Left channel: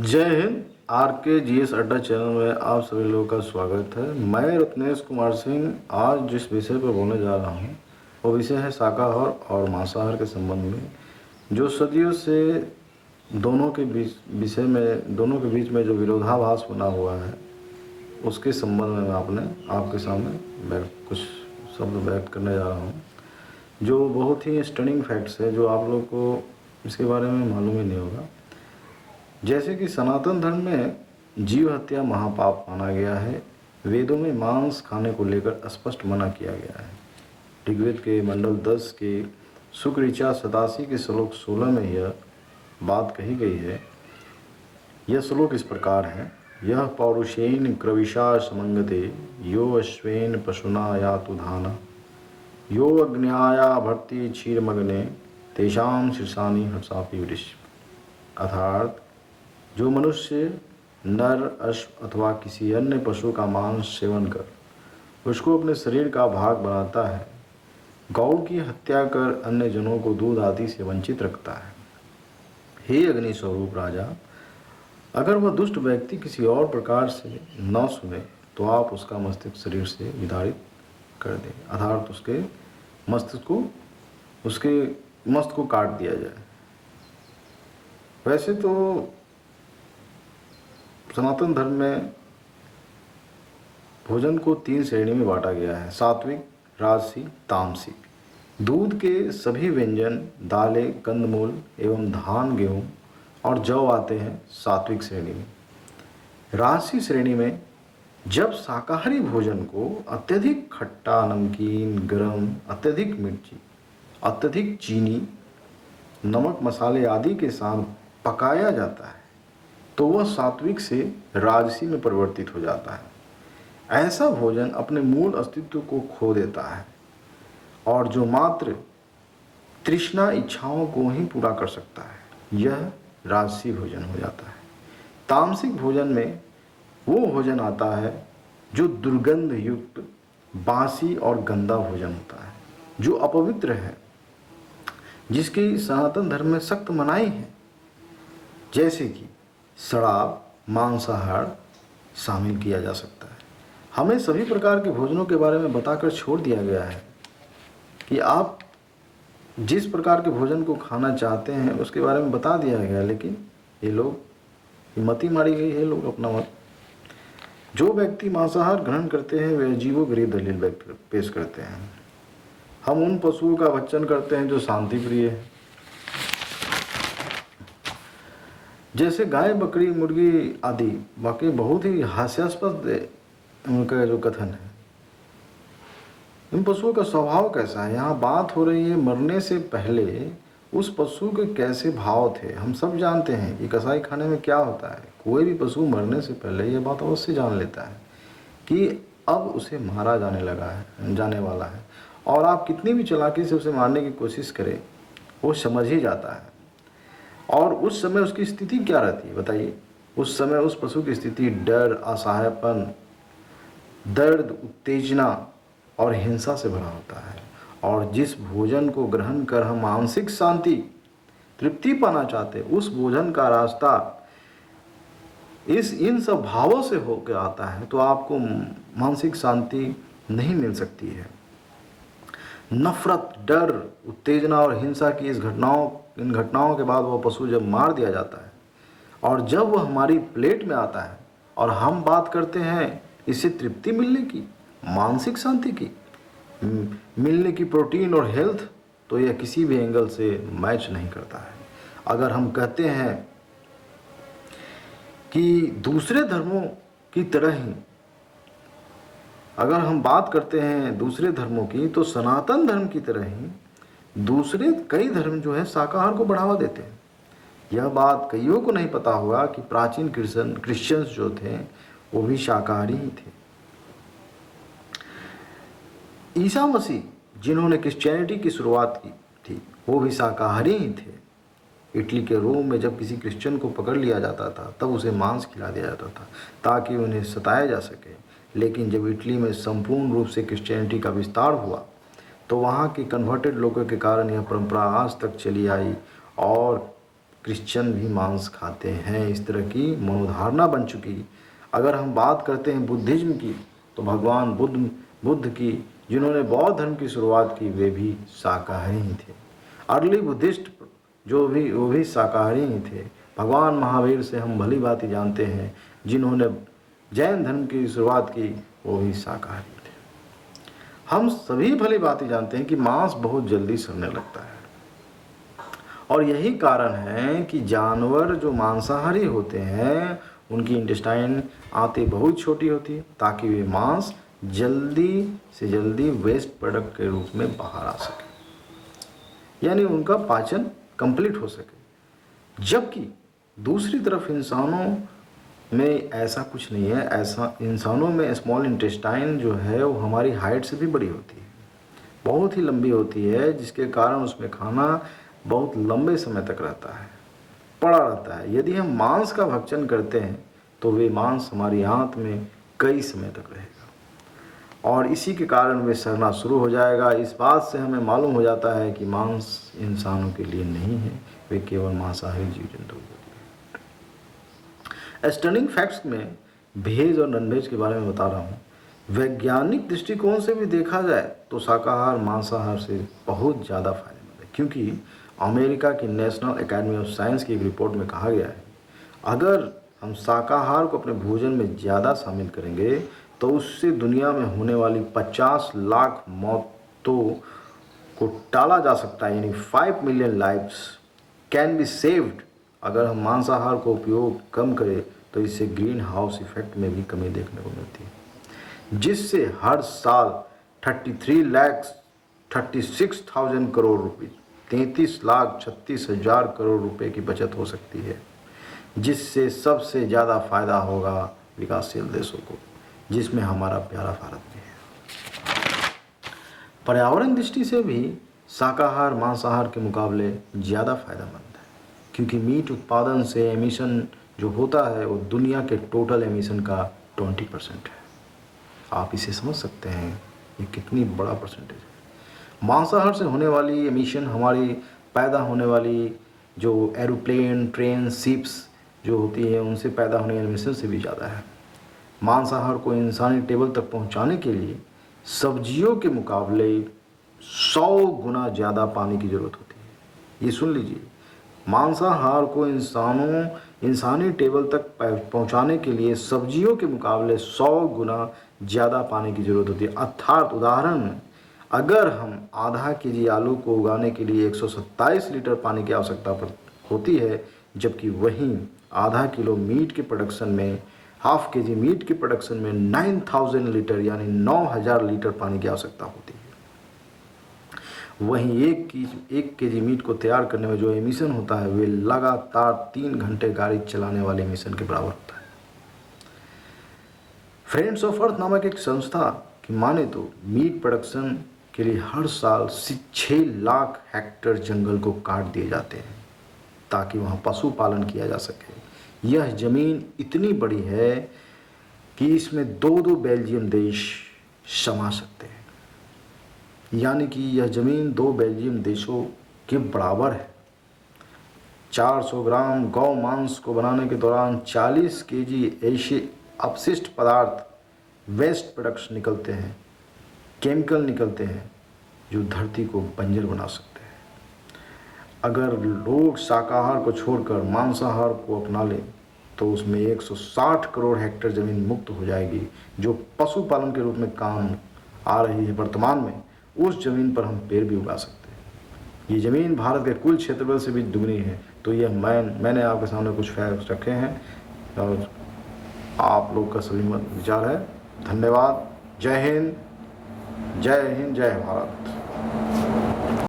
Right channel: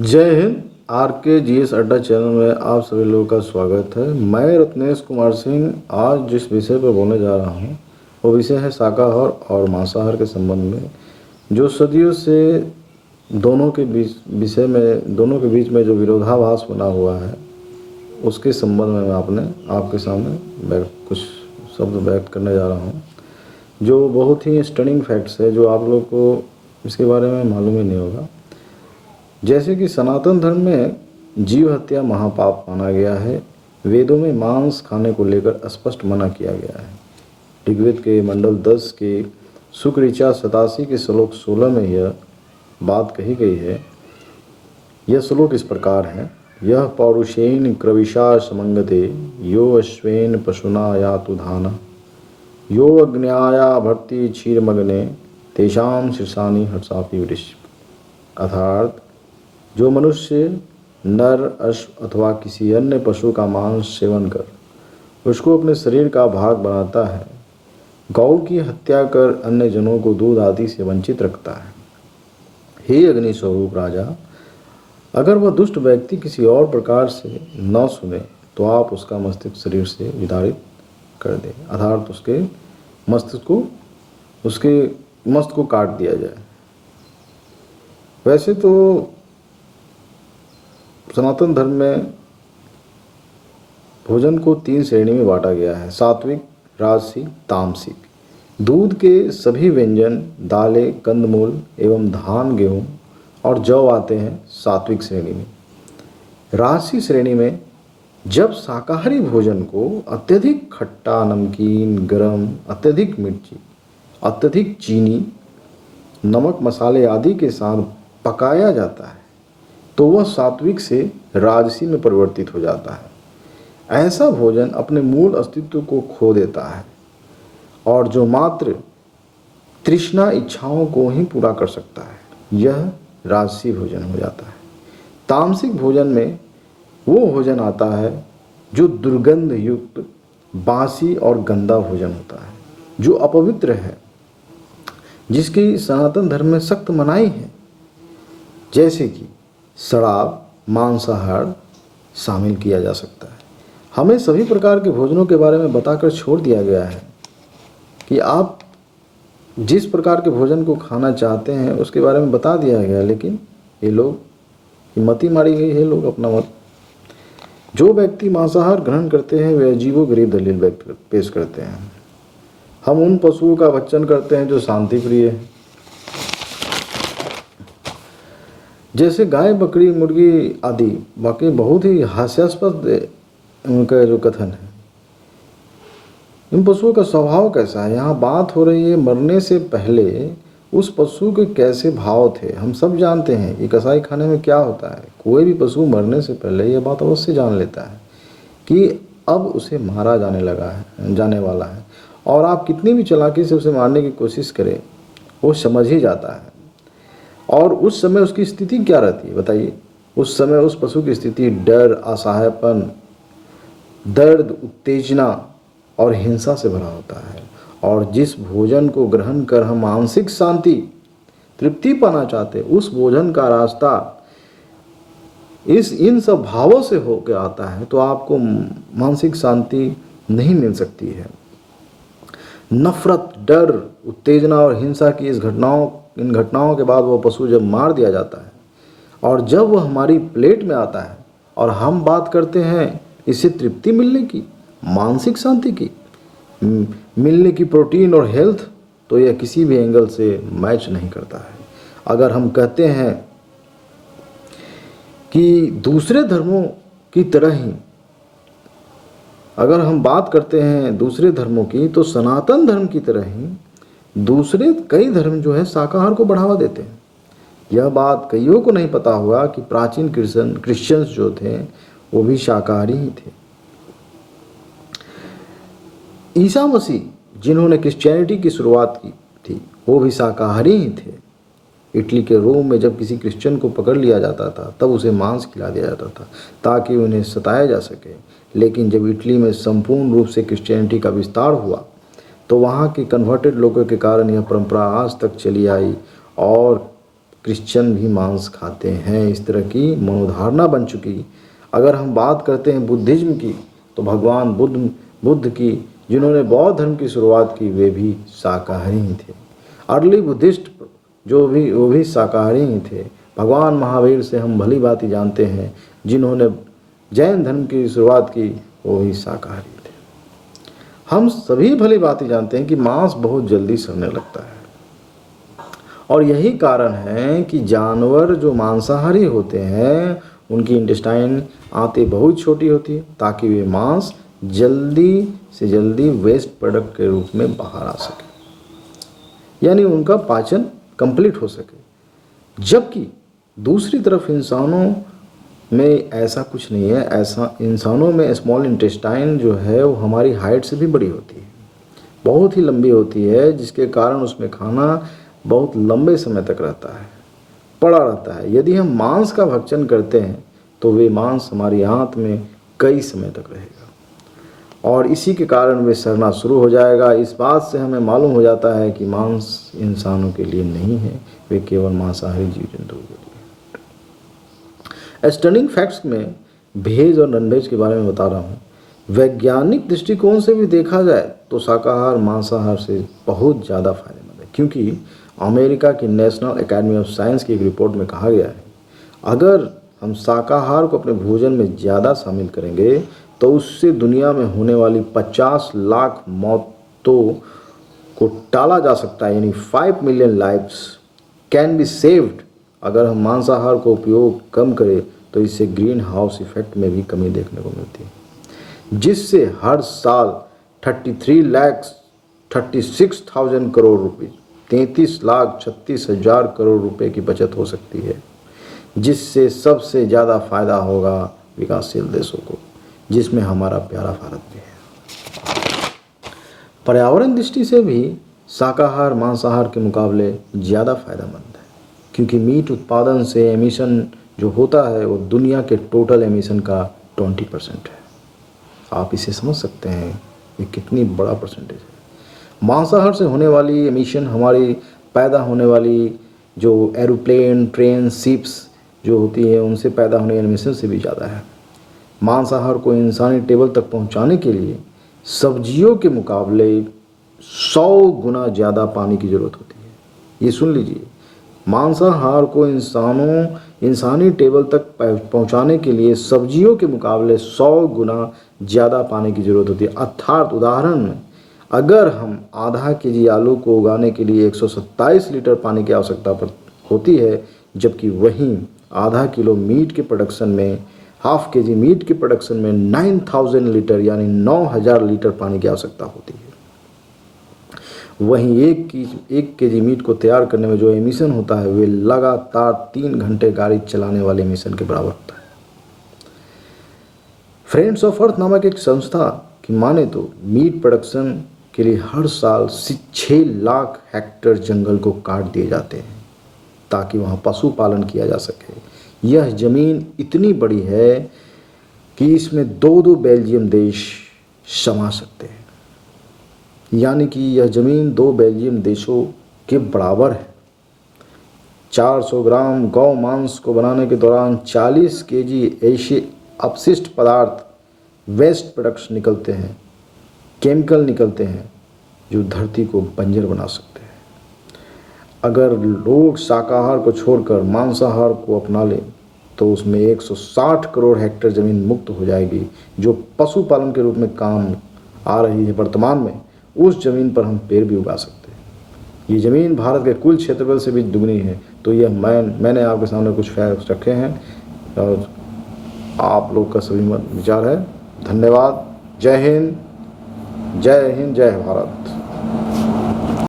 जय हिंद। आर के G S अड्डा चैनल में आप सभी लोगों का स्वागत है। मैं रत्नेश कुमार सिंह आज जिस विषय पर बोलने जा रहा हूँ वो विषय है शाकाहार और मांसाहार के संबंध में, जो सदियों से दोनों के बीच में जो विरोधाभास बना हुआ है उसके संबंध में मैं आपके सामने कुछ शब्द व्यक्त करने जा रहा हूँ, जो बहुत ही स्टनिंग फैक्ट्स है जो आप लोग को इसके बारे में मालूम ही नहीं होगा। जैसे कि सनातन धर्म में जीव हत्या महापाप माना गया है। वेदों में मांस खाने को लेकर स्पष्ट मना किया गया है। ऋग्वेद के मंडल 10 के शुक्र ऋचा 87 के श्लोक 16 में यह बात कही गई है। यह श्लोक इस प्रकार है: यह पौरुषेण क्रविशा समंगते यो अश्वेन पशुना यातु धाना यो अग्न्याया भर्ति क्षीरमग्ने तेषाम शीर्षानि हर्षापि वृष। अर्थात जो मनुष्य नर, अश्व अथवा किसी अन्य पशु का मांस सेवन कर उसको अपने शरीर का भाग बनाता है, गौ की हत्या कर अन्य जनों को दूध आदि से वंचित रखता है। हे अग्नि स्वरूप राजा, अगर वह दुष्ट व्यक्ति किसी और प्रकार से न सुने तो आप उसका मस्तिष्क शरीर से विदारित कर दें, अर्थात उसके मस्तिष्क को काट दिया जाए। वैसे तो सनातन धर्म में भोजन को 3 श्रेणी में बांटा गया है: सात्विक, राजसी, तामसिक। दूध के सभी व्यंजन, दालें, कंदमूल एवं धान, गेहूं और जौ आते हैं सात्विक श्रेणी में। राजसी श्रेणी में जब शाकाहारी भोजन को अत्यधिक खट्टा, नमकीन, गरम, अत्यधिक मिर्ची, अत्यधिक चीनी, नमक, मसाले आदि के साथ पकाया जाता है तो वह सात्विक से राजसी में परिवर्तित हो जाता है। ऐसा भोजन अपने मूल अस्तित्व को खो देता है और जो मात्र तृष्णा इच्छाओं को ही पूरा कर सकता है, यह राजसी भोजन हो जाता है। तामसिक भोजन में वो भोजन आता है जो दुर्गंध युक्त, बासी और गंदा भोजन होता है, जो अपवित्र है, जिसकी सनातन धर्म में सख्त मनाही है, जैसे कि शराब, मांसाहार शामिल किया जा सकता है। हमें सभी प्रकार के भोजनों के बारे में बताकर छोड़ दिया गया है कि आप जिस प्रकार के भोजन को खाना चाहते हैं उसके बारे में बता दिया गया, लेकिन ये लोग मती मारी गई है, लोग अपना मत। जो व्यक्ति मांसाहार ग्रहण करते हैं वे अजीबोगरीब दलील पेश करते हैं। हम उन पशुओं का भक्षण करते हैं जो शांति प्रिय है, जैसे गाय, बकरी, मुर्गी आदि। बाकी बहुत ही हास्यास्पद उनका जो कथन है। इन पशुओं का स्वभाव कैसा है? यहाँ बात हो रही है मरने से पहले उस पशु के कैसे भाव थे। हम सब जानते हैं कि कसाई खाने में क्या होता है। कोई भी पशु मरने से पहले यह बात अवश्य जान लेता है कि अब उसे मारा जाने वाला है, और आप कितनी भी चालाकी से उसे मारने की कोशिश करें वो समझ ही जाता है। और उस समय उसकी स्थिति क्या रहती है बताइए? उस समय उस पशु की स्थिति डर, असहायपन, दर्द, उत्तेजना और हिंसा से भरा होता है। और जिस भोजन को ग्रहण कर हम मानसिक शांति, तृप्ति पाना चाहते हैं, उस भोजन का रास्ता इन सब भावों से होकर आता है तो आपको मानसिक शांति नहीं मिल सकती है। नफरत, डर, उत्तेजना और हिंसा की इन घटनाओं के बाद वह पशु जब मार दिया जाता है और जब वह हमारी प्लेट में आता है और हम बात करते हैं इससे तृप्ति मिलने की, मानसिक शांति की, मिलने की, प्रोटीन और हेल्थ, तो यह किसी भी एंगल से मैच नहीं करता है। अगर हम कहते हैं कि दूसरे धर्मों की तरह ही, अगर हम बात करते हैं दूसरे धर्मों की, तो सनातन धर्म की तरह ही दूसरे कई धर्म जो है शाकाहार को बढ़ावा देते हैं। यह बात कईयों को नहीं पता हुआ कि प्राचीन क्रिश्चियंस जो थे वो भी शाकाहारी ही थे। ईसा मसीह जिन्होंने क्रिश्चियनिटी की शुरुआत की थी वो भी शाकाहारी ही थे। इटली के रोम में जब किसी क्रिश्चियन को पकड़ लिया जाता था तब उसे मांस खिला दिया जाता था ताकि उन्हें सताया जा सके। लेकिन जब इटली में संपूर्ण रूप से क्रिश्चियनिटी का विस्तार हुआ तो वहाँ के कन्वर्टेड लोगों के कारण यह परंपरा आज तक चली आई और क्रिश्चियन भी मांस खाते हैं। इस तरह की मनोधारणा बन चुकी। अगर हम बात करते हैं बुद्धिज्म की, तो भगवान बुद्ध की, जिन्होंने बौद्ध धर्म की शुरुआत की, वे भी शाकाहारी ही थे। अर्ली बुद्धिस्ट वो भी शाकाहारी ही थे। भगवान महावीर से हम भली भांति जानते हैं, जिन्होंने जैन धर्म की शुरुआत की, वो भी शाकाहारी थे। हम सभी भली भांति जानते हैं कि मांस बहुत जल्दी सड़ने लगता है, और यही कारण है कि जानवर जो मांसाहारी होते हैं उनकी इंटेस्टाइन आंतें बहुत छोटी होती है, ताकि वे मांस जल्दी से जल्दी वेस्ट प्रोडक्ट के रूप में बाहर आ सके, यानी उनका पाचन कंप्लीट हो सके। जबकि दूसरी तरफ इंसानों में ऐसा कुछ नहीं है। ऐसा इंसानों में स्मॉल इंटेस्टाइन जो है वो हमारी हाइट से भी बड़ी होती है, बहुत ही लंबी होती है, जिसके कारण उसमें खाना बहुत लंबे समय तक रहता है, पड़ा रहता है। यदि हम मांस का भक्षण करते हैं तो वे मांस हमारी आंत में कई समय तक रहेगा, और इसी के कारण वे सड़ना शुरू हो जाएगा। इस बात से हमें मालूम हो जाता है कि मांस इंसानों के लिए नहीं है, वे केवल मांसाहारी जीव जंतुओं के लिए। स्टनिंग फैक्ट्स में वेज और नॉनवेज के बारे में बता रहा हूँ। वैज्ञानिक दृष्टिकोण से भी देखा जाए तो शाकाहार मांसाहार से बहुत ज़्यादा फायदेमंद है, क्योंकि अमेरिका की नेशनल एकेडमी ऑफ साइंस की एक रिपोर्ट में कहा गया है, अगर हम शाकाहार को अपने भोजन में ज़्यादा शामिल करेंगे तो उससे दुनिया में होने वाली 50 लाख मौतों को टाला जा सकता है, यानी 5 million lives can be saved. अगर हम मांसाहार को उपयोग कम करें तो इससे ग्रीन हाउस इफेक्ट में भी कमी देखने को मिलती है, जिससे हर साल 33,36,000 करोड़ रुपए 33,36,000 करोड़ रुपए की बचत हो सकती है, जिससे सबसे ज़्यादा फायदा होगा विकासशील देशों को, जिसमें हमारा प्यारा भारत भी है। पर्यावरण दृष्टि से भी शाकाहार मांसाहार के मुकाबले ज़्यादा फायदेमंद है, क्योंकि मीट उत्पादन से एमिशन जो होता है वो दुनिया के टोटल एमिशन का 20% है। आप इसे समझ सकते हैं ये कितनी बड़ा परसेंटेज है। मांसाहार से होने वाली एमिशन हमारी पैदा होने वाली जो एरोप्लेन, ट्रेन, शिप्स जो होती है उनसे पैदा होने वाली एमिशन से भी ज़्यादा है। मांसाहार को इंसानी टेबल तक पहुंचाने के लिए सब्जियों के मुकाबले 100 गुना ज़्यादा पानी की ज़रूरत होती है। ये सुन लीजिए, मांसाहार को इंसानी टेबल तक पहुंचाने के लिए सब्जियों के मुकाबले 100 गुना ज़्यादा पानी की ज़रूरत होती है। अर्थात उदाहरण में, अगर हम आधा केजी आलू को उगाने के लिए 127 लीटर पानी की आवश्यकता होती है, जबकि वहीं आधा किलो मीट के प्रोडक्शन में, हाफ केजी मीट के प्रोडक्शन में 9000 लीटर यानी 9000 लीटर पानी की आवश्यकता होती है। वहीं एक केजी मीट को तैयार करने में जो एमिशन होता है वे लगातार 3 घंटे गाड़ी चलाने वाले एमिशन के बराबर होता है। फ्रेंड्स ऑफ अर्थ नामक एक संस्था की माने तो मीट प्रोडक्शन के लिए हर साल 6 लाख हेक्टेयर जंगल को काट दिए जाते हैं ताकि वहाँ पशुपालन किया जा सके। यह ज़मीन इतनी बड़ी है कि इसमें 2 बेल्जियम देश समा सकते हैं, यानी कि यह ज़मीन 2 बेल्जियम देशों के बराबर है। 400 ग्राम गौ मांस को बनाने के दौरान 40 केजी ऐसे अपशिष्ट पदार्थ, वेस्ट प्रोडक्ट्स निकलते हैं, केमिकल निकलते हैं जो धरती को बंजर बना सकते हैं। अगर लोग शाकाहार को छोड़कर मांसाहार को अपना लें तो उसमें 160 करोड़ हेक्टेयर ज़मीन मुक्त हो जाएगी, जो पशुपालन के रूप में काम आ रही है वर्तमान में। उस ज़मीन पर हम पेड़ भी उगा सकते हैं। ये ज़मीन भारत के कुल क्षेत्रफल से भी दुगनी है। तो यह मैंने आपके सामने कुछ फैक्ट्स रखे हैं और आप लोग का सभी विचार है। धन्यवाद। जय हिंद, जय हिंद, जय भारत।